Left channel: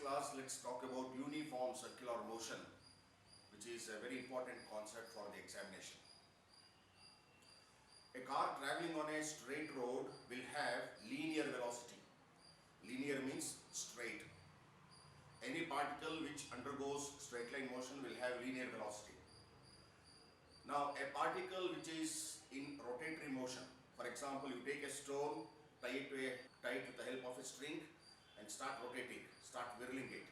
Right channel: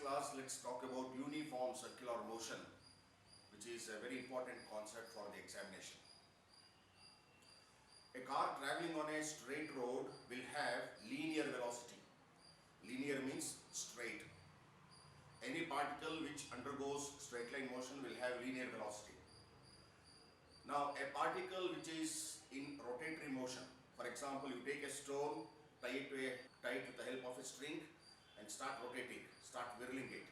class, let's talk about uniform circular motion, which is a very important concept for the examination. A car traveling on a straight road will have linear velocity. Linear means straight. Any particle which undergoes straight line motion will have linear velocity. Now, a particle which is in rotatory motion, for example, you take a stone, tie it with the help of a string and start rotating, start whirling it.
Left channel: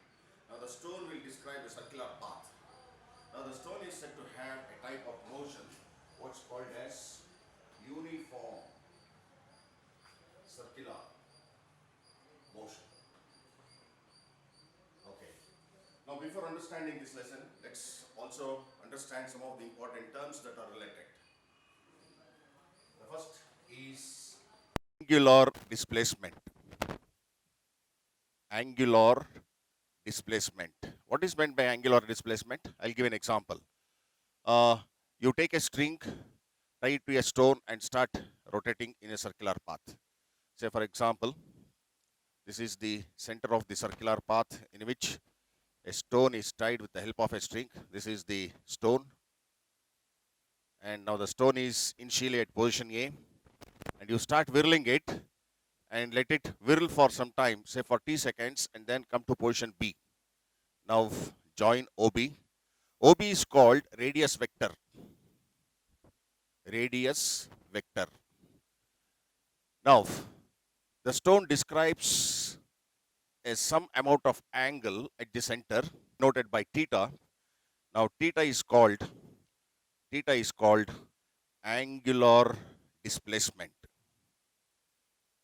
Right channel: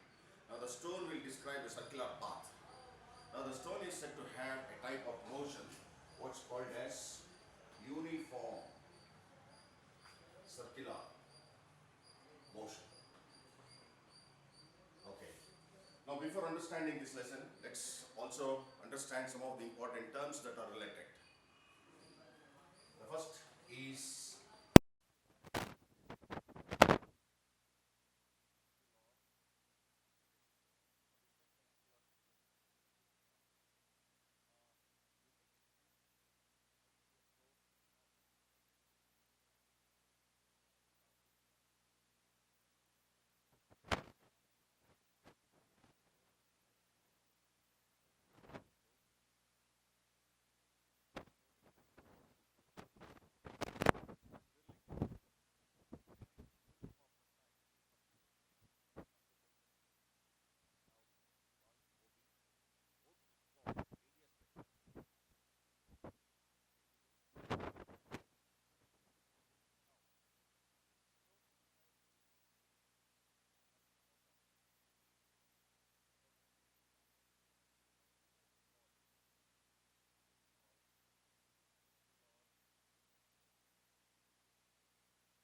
Now, the stone will describe a circular path. Now, the stone is said to have a type of motion what's called as uniform circular motion. Okay. Now, before understanding this lesson, let's also understand some of the important terms that are related. The first is angular displacement. Angular displacement. What is meant by angular displacement? I'll give an example. You take a string, tie it to a stone and start rotating in a circular path. Say for example, this is the center of the circular path in which a stone is tied with the help of a string. This is the stone. And now the stone is initially at position A. And you start whirling it and let it whirl for some time, say for t seconds, and then come to position B. Now join OB. OB is called radius vector. Radius vector. Now, the stone describes some amount of angle at the center, noted by theta. Now, theta is called angular displacement.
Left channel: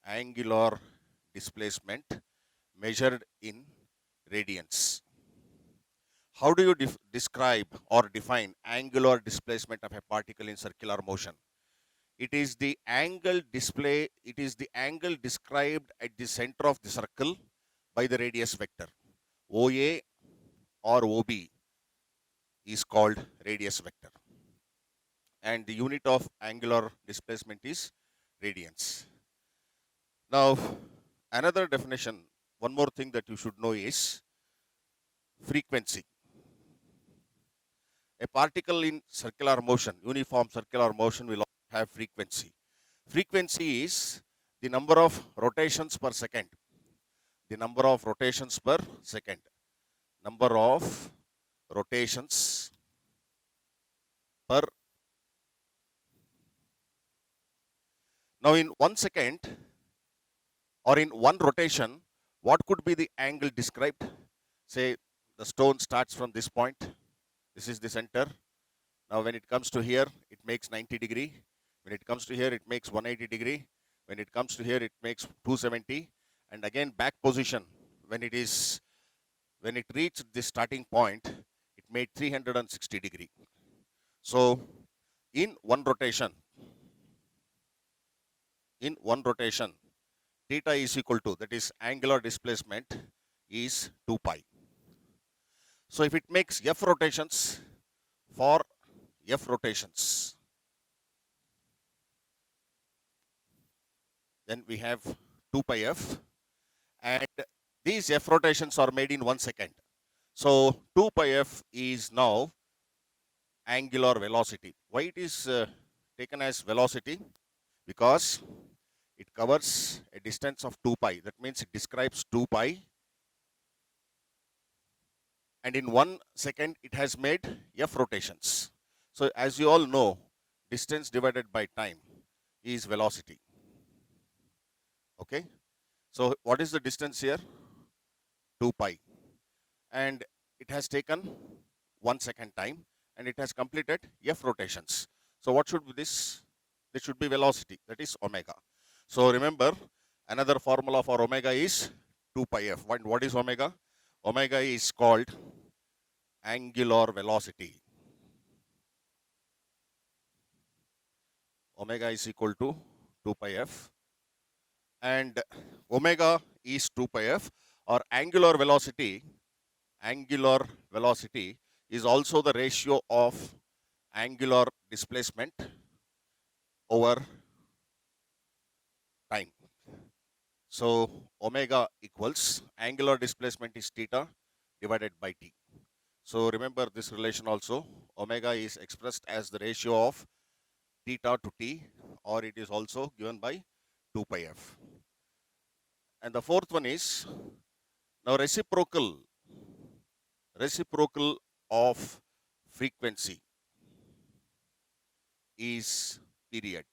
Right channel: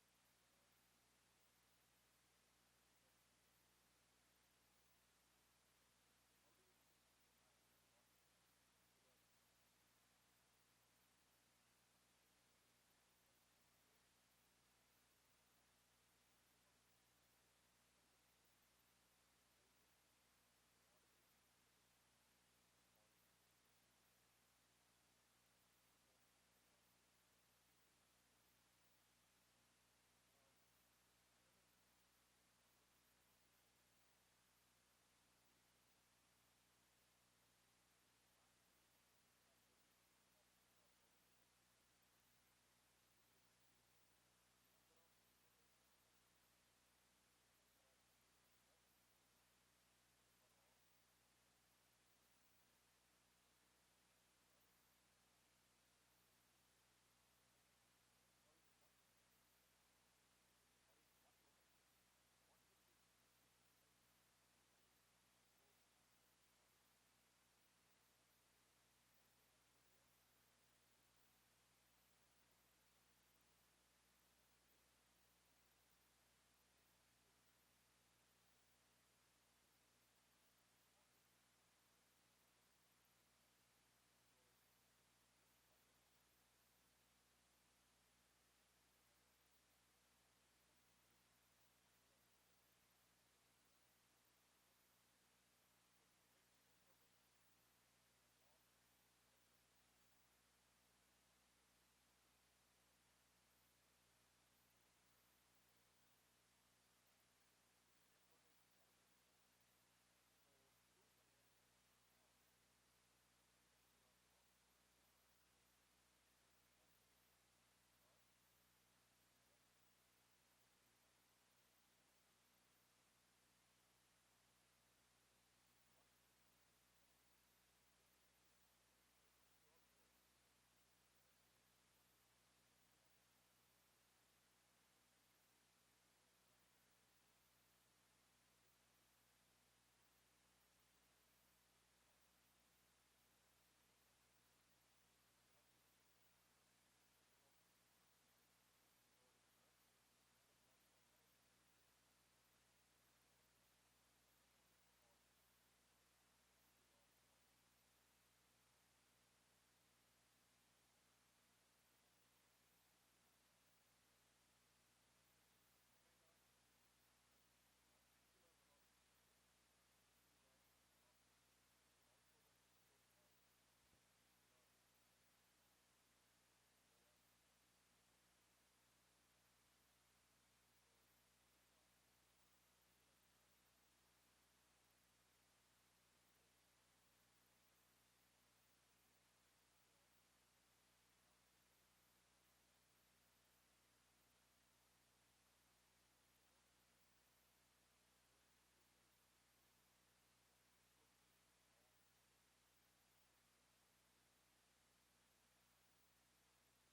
Angular displacement measured in radians. How do you describe or define angular displacement of a particle in circular motion? It is the angle described at the center of the circle by the radius vector. OA or OB is called radius vector. And the unit of angular displacement is radians. Now, another definition, one more thing that you should know is frequency. A particle in circular motion, uniform circular motion, will have frequency. Frequency is the number of rotations per second. The number of rotations per second. Number of rotations per. Now, in 1 second or in one rotation, what could be the angle described? Say the stone starts from this point. This is the center. Now, when it comes to here, it makes 90 degree. When it comes to here, it makes 180 degree. When it comes to here, it makes 270. And again, back position, when it reached the starting point, it made 360 degree. So, in one rotation, theta is equal to, that is angular displacement, is 2 pi. So, if it makes f rotations, for f rotations, then we have 2 pi f, and these f rotations are made in 1 second. So 2 pi f is now angular velocity. Why it is taken as velocity? Because it covers a distance of 2 pi. That means it describes 2 pi. And in 1 second, it has made f rotations. So as you all know, distance divided by time is velocity. Okay. So what is the distance here? 2 pi. And it has taken 1 second time, and it has completed f rotations. So what should be this? This should be velocity, that is omega. So remember, another formula for omega is 2 pi f. What is omega? Omega is called angular velocity. Omega is equal to 2 pi f. And omega is 2 pi f, or angular velocity is also the ratio of angular displacement over time. So omega equals angular displacement is theta divided by t. So remember this relation also. Omega is expressed as the ratio of theta to t, or it is also given by 2 pi f. And the fourth one is now reciprocal of frequency is period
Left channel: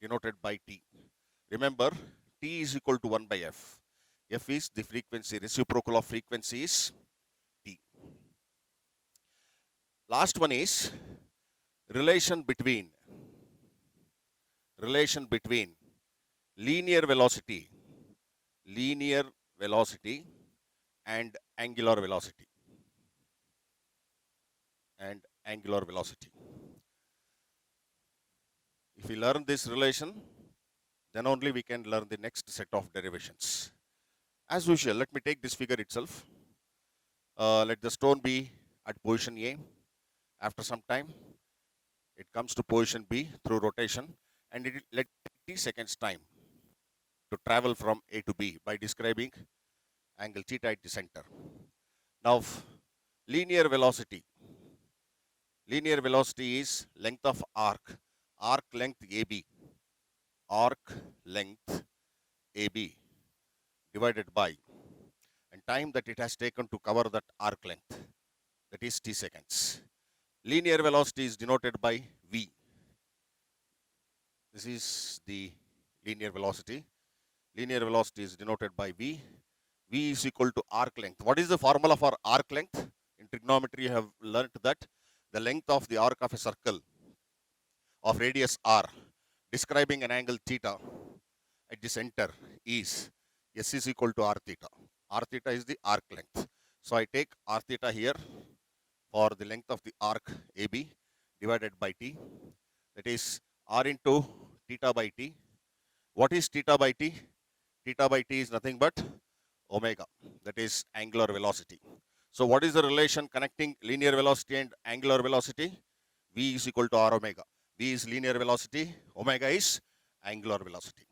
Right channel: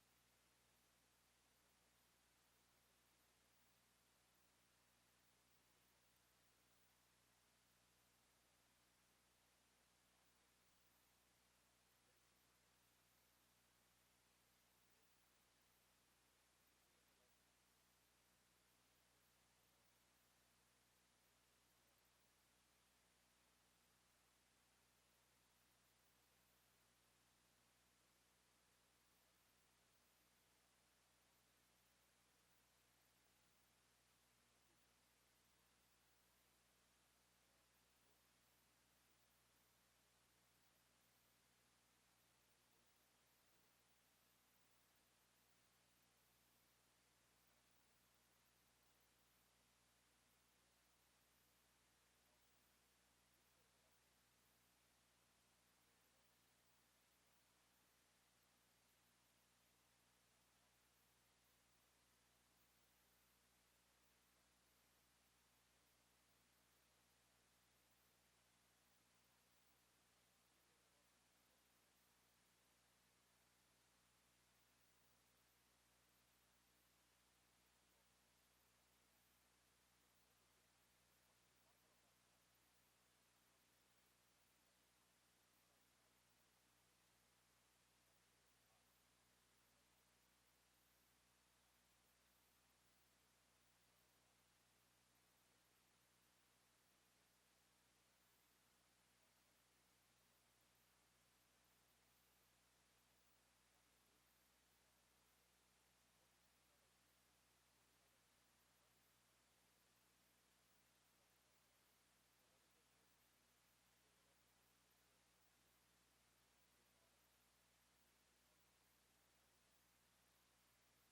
denoted by t. Remember, t is equal to 1 by f. F is the frequency, reciprocal of frequency is t. Last one is relation between linear velocity and angular velocity If we learn this relation, then only we can learn the next set of derivations. As usual, let me take this figure itself. Let the stone be at position A. After some time, it comes to position B through rotation, and it let t seconds time to travel from A to B by describing angle theta at the center. Now, linear velocity is length of arc length AB, divided by and time that it has taken to cover that arc length, that is t seconds. Linear velocity is denoted by v. This is the linear velocity. Linear velocity is denoted by v. V is equal to arc length. What is the formula for arc length? In trigonometry, you have learnt that the length of the arc of a circle of radius r describing an angle theta at the center is S is equal to r theta. R theta is the arc length. So I take r theta here for the length of the arc AB divided by t. That is r into theta by t. What is theta by t? Theta by t is nothing but omega. That is angular velocity. So what is the relation connecting linear velocity and angular velocity? V is equal to r omega. V is linear velocity, omega is angular velocity.